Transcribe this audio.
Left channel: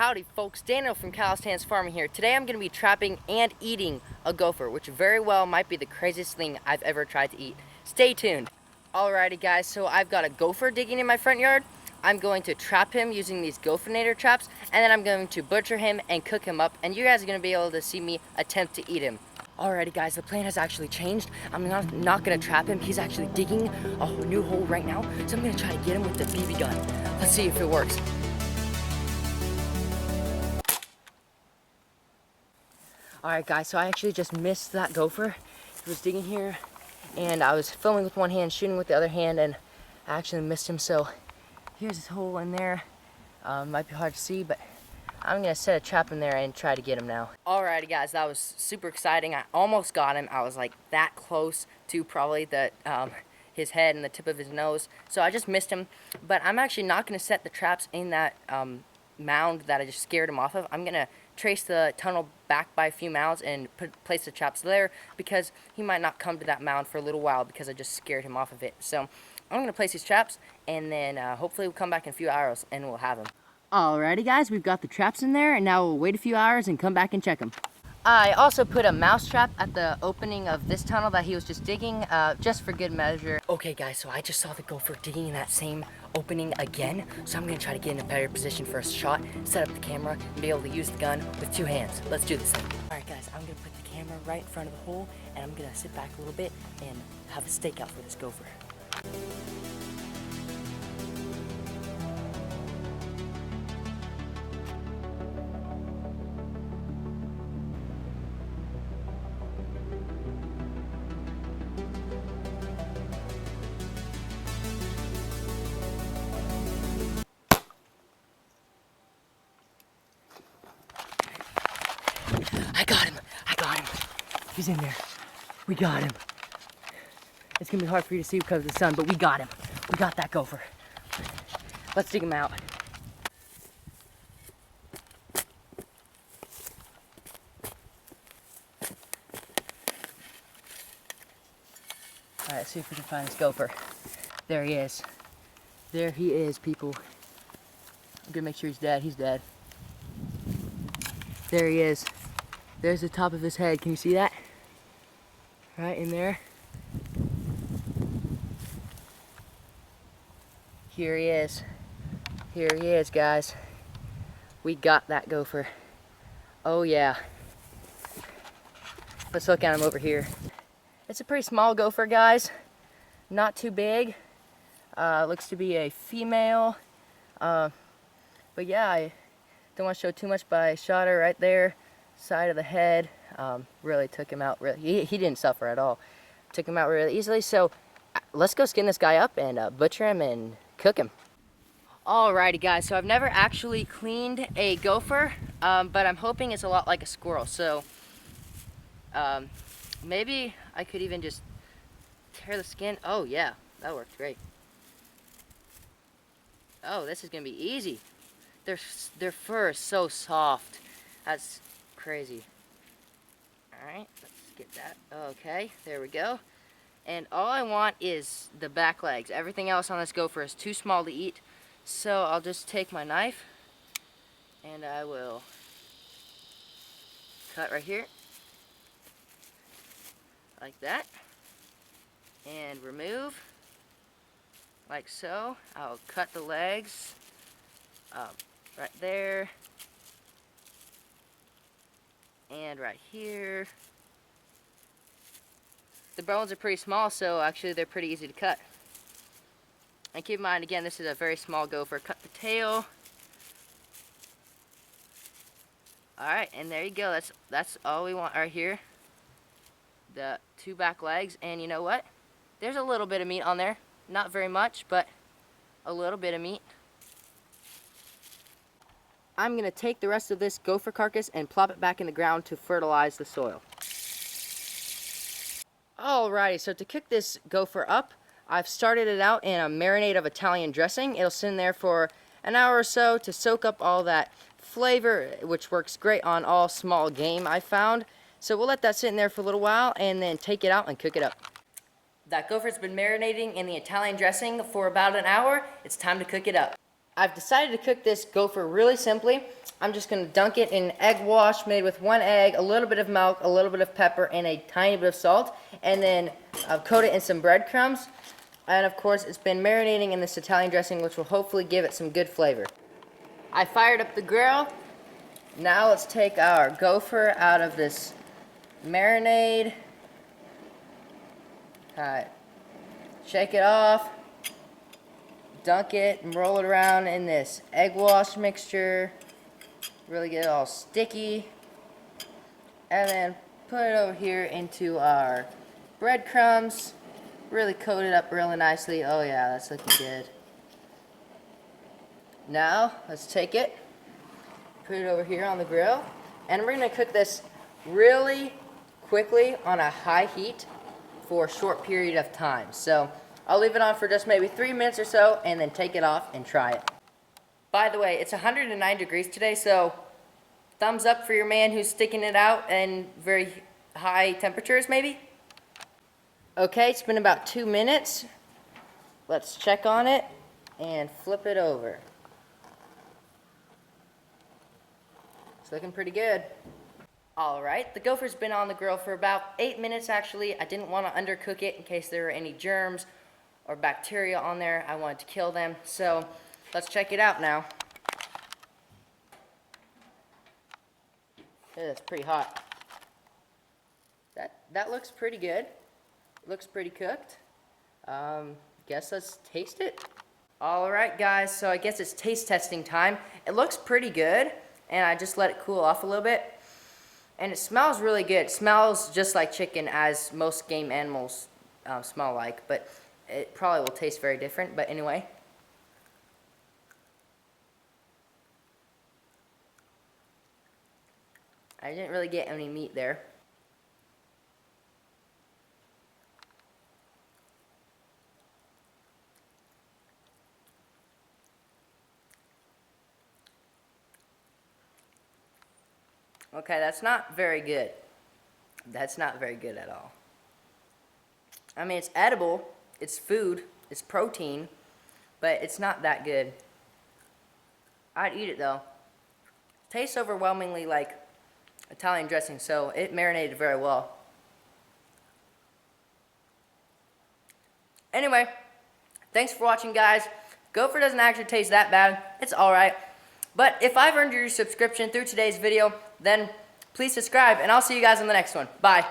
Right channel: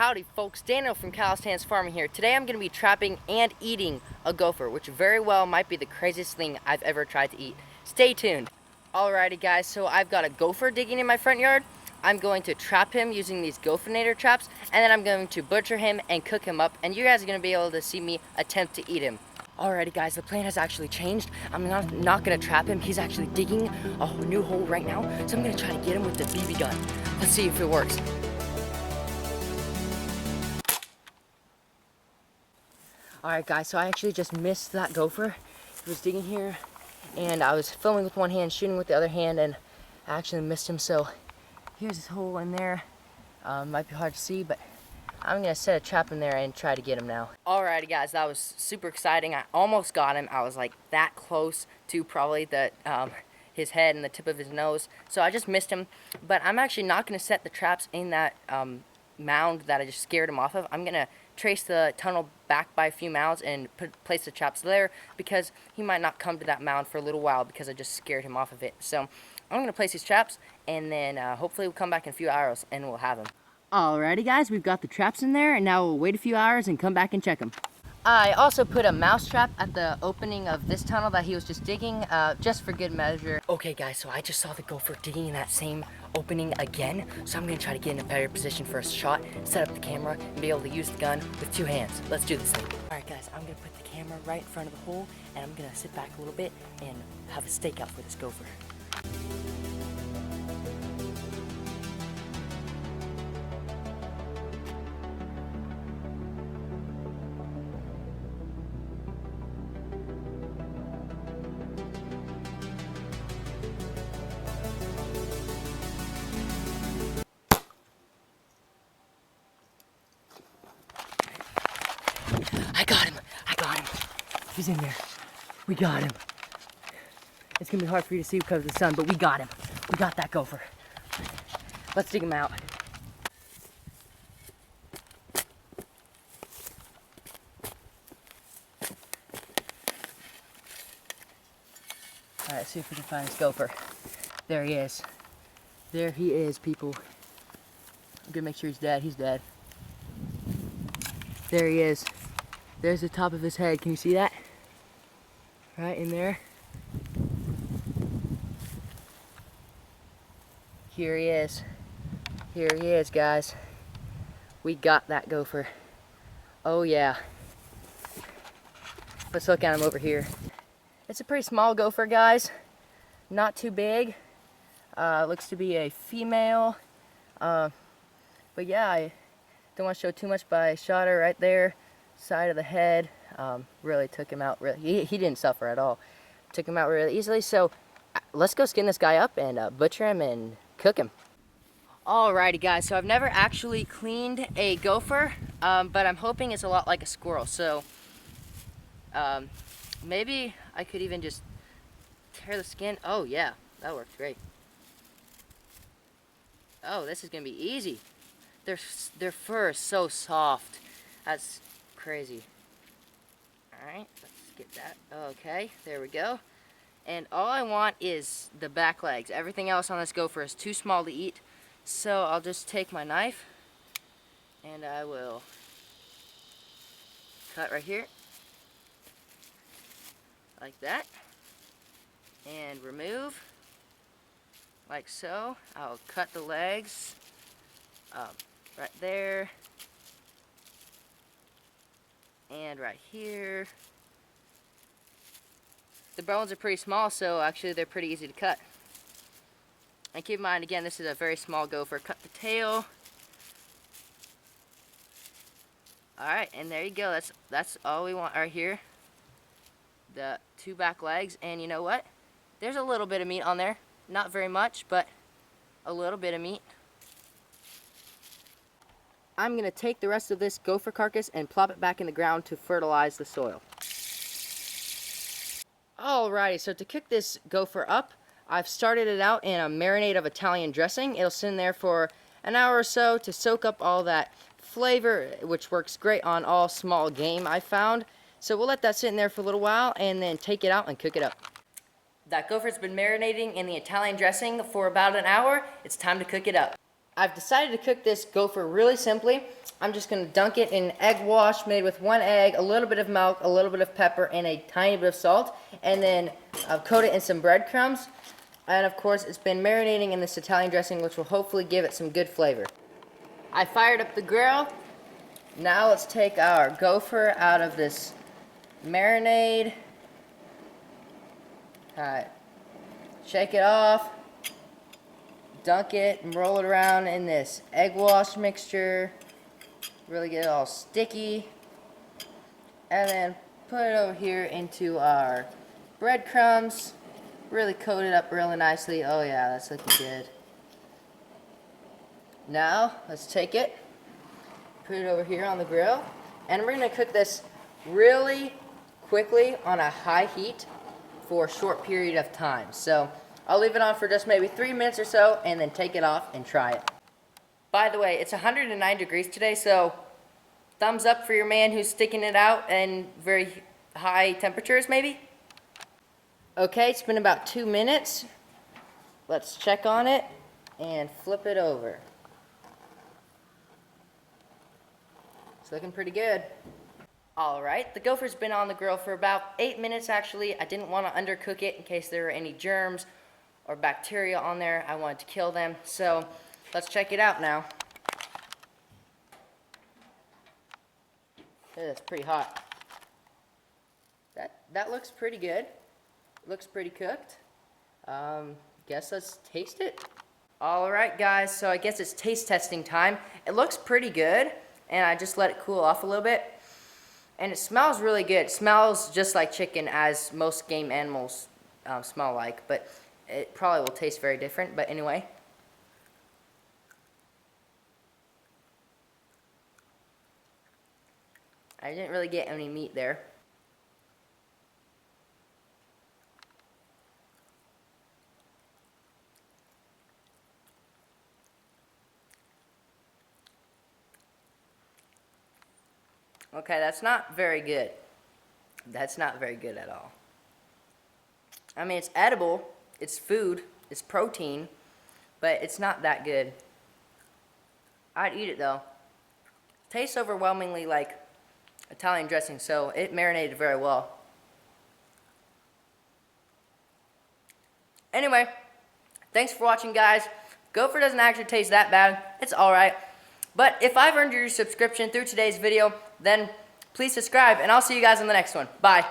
Howdy folks, Daniel from Calisthenics Farming here. Today I'm going to be trapping and eating a gopher, which very well might be the craziest thing I've ever tried to eat. Stay tuned. Alrighty guys, so I've got a gopher digging in my front yard. I'm going to trap him using these gophinator traps, and then I'm going to butcher him and cook him up, and you guys are going to be able to see me attempt to eat him. Alrighty guys, the plan has actually changed. I'm not going to trap him. He's actually digging a new hole right now, so I'm going to try to get him with the BB gun. Let's see if it works. Alright guys, so I actually just missed that gopher. He was digging here, and I was filming with one hand, shooting with the other hand, and I actually missed him. So here's his hole in there. Might be hard to see, but I'm going to set a trap in there and try to get him now. Alrighty guys, that was super exciting. I almost got him. I was like that close to probably his head and the tip of his nose. So I just missed him, but I'm actually not going to set the traps in that mound that I just scared him off of. I'm going to trace the tunnel back by a few mounds and place the traps there, because he might not come to that mound for a little while because I just scared him off of it. So I'm going to place these traps, and then hopefully we'll come back in a few hours and we'll have him. Alrighty guys, we've got the traps in there, and now we'll wait a few hours and come back and check them. I also put a mouse trap at the opening of this tunnel that he was just digging, just for good measure. Okay guys, so I just saw the gopher digging in that same opening again, so I'm going to try to get in a better position for a shot, set up the camera, and be able to use the gun with two hands. Let's do this thing. Alright guys, I'm going to put the camera right in front of the hole, and I'm going to sit back a little bit and have a stakeout for this gopher. I got him. He's in there. We got him. It's gonna be hard for you to see because of the sun, but we got him. We got that gopher. Let's dig him out. All right, see if we can find this gopher. There he is. There he is, people. I'm gonna make sure he's dead. He's dead. There he is. There's the top of his head. Can you see that? Right in there. Here he is. Here he is, guys. We got that gopher. Oh yeah. Let's look at him over here. It's a pretty small gopher, guys. Not too big. Looks to be a female. But yeah, I don't want to show too much, but I shot her right there. Side of the head, really took him out. He didn't suffer at all. Took him out really easily. So let's go skin this guy up and butcher him and cook him. Alrighty guys, so I've never actually cleaned a gopher, but I'm hoping it's a lot like a squirrel. So maybe I could even just tear the skin. Oh yeah, that worked great. Oh, this is gonna be easy. Their fur is so soft. That's crazy. Alright, let's get that. Okay, there we go. And all I want is the back legs. Everything else on this gopher is too small to eat. So I'll just take my knife and I will cut right here. Like that. And remove. Like so. I'll cut the legs right there. And right here. The bones are pretty small, so actually they're pretty easy to cut. And keep in mind, again, this is a very small gopher. Cut the tail. Alright, and there you go. That's all we want right here. The two back legs, and you know what? There's a little bit of meat on there. Not very much, but a little bit of meat. I'm going to take the rest of this gopher carcass and plop it back in the ground to fertilize the soil. Alrighty, so to cook this gopher up, I've started it out in a marinade of Italian dressing. It'll sit in there for an hour or so to soak up all that flavor, which works great on all small game I found. So we'll let that sit in there for a little while and then take it out and cook it up. That gopher's been marinating in the Italian dressing for about an hour. It's time to cook it up. I've decided to cook this gopher really simply. I'm just going to dunk it in egg wash made with 1 egg, a little bit of milk, a little bit of pepper, and a tiny bit of salt, and then coat it in some breadcrumbs. And of course, it's been marinating in this Italian dressing, which will hopefully give it some good flavor. I fired up the grill. Now let's take our gopher out of this marinade. Alright, shake it off, dunk it, and roll it around in this egg wash mixture. Really get it all sticky. And then put it over here into our breadcrumbs. Really coat it up really nicely. Oh yeah, that's looking good. Now, let's take it, put it over here on the grill, and we're going to cook this really quickly on a high heat for a short period of time. So, I'll leave it on for just maybe 3 minutes or so, and then take it off and try it. By the way, it's 109 degrees today, so thumbs up for your man who's sticking it out in very high temperatures, maybe? Okay, it's been about 2 minutes. Let's check on it and flip it over. It's looking pretty good. Alright, the gopher's been on the grill for about 8 minutes actually. I didn't want to undercook it in case there were any germs or bacteria on there. I wanted to kill them. So let's check it out now. It's pretty hot. That looks pretty good. Looks pretty cooked. Guess let's taste it. Alright guys, so I guess it's taste testing time. It looks pretty good, and I just let it cool off a little bit. And it smells really good. It smells just like chicken, as most game animals smell like, but it probably will taste very different. But anyway. I didn't really get any meat there. Okay, that's not very good. That's not very good at all. I mean, it's edible, it's food, it's protein, but it's not that good. I'd eat it though. Tastes overwhelmingly like Italian dressing, so it marinated very well. Anyway, thanks for watching, guys. Gopher doesn't actually taste that bad. It's alright. But if I've earned your subscription through today's video, then please subscribe, and I'll see you guys in the next one. Bye.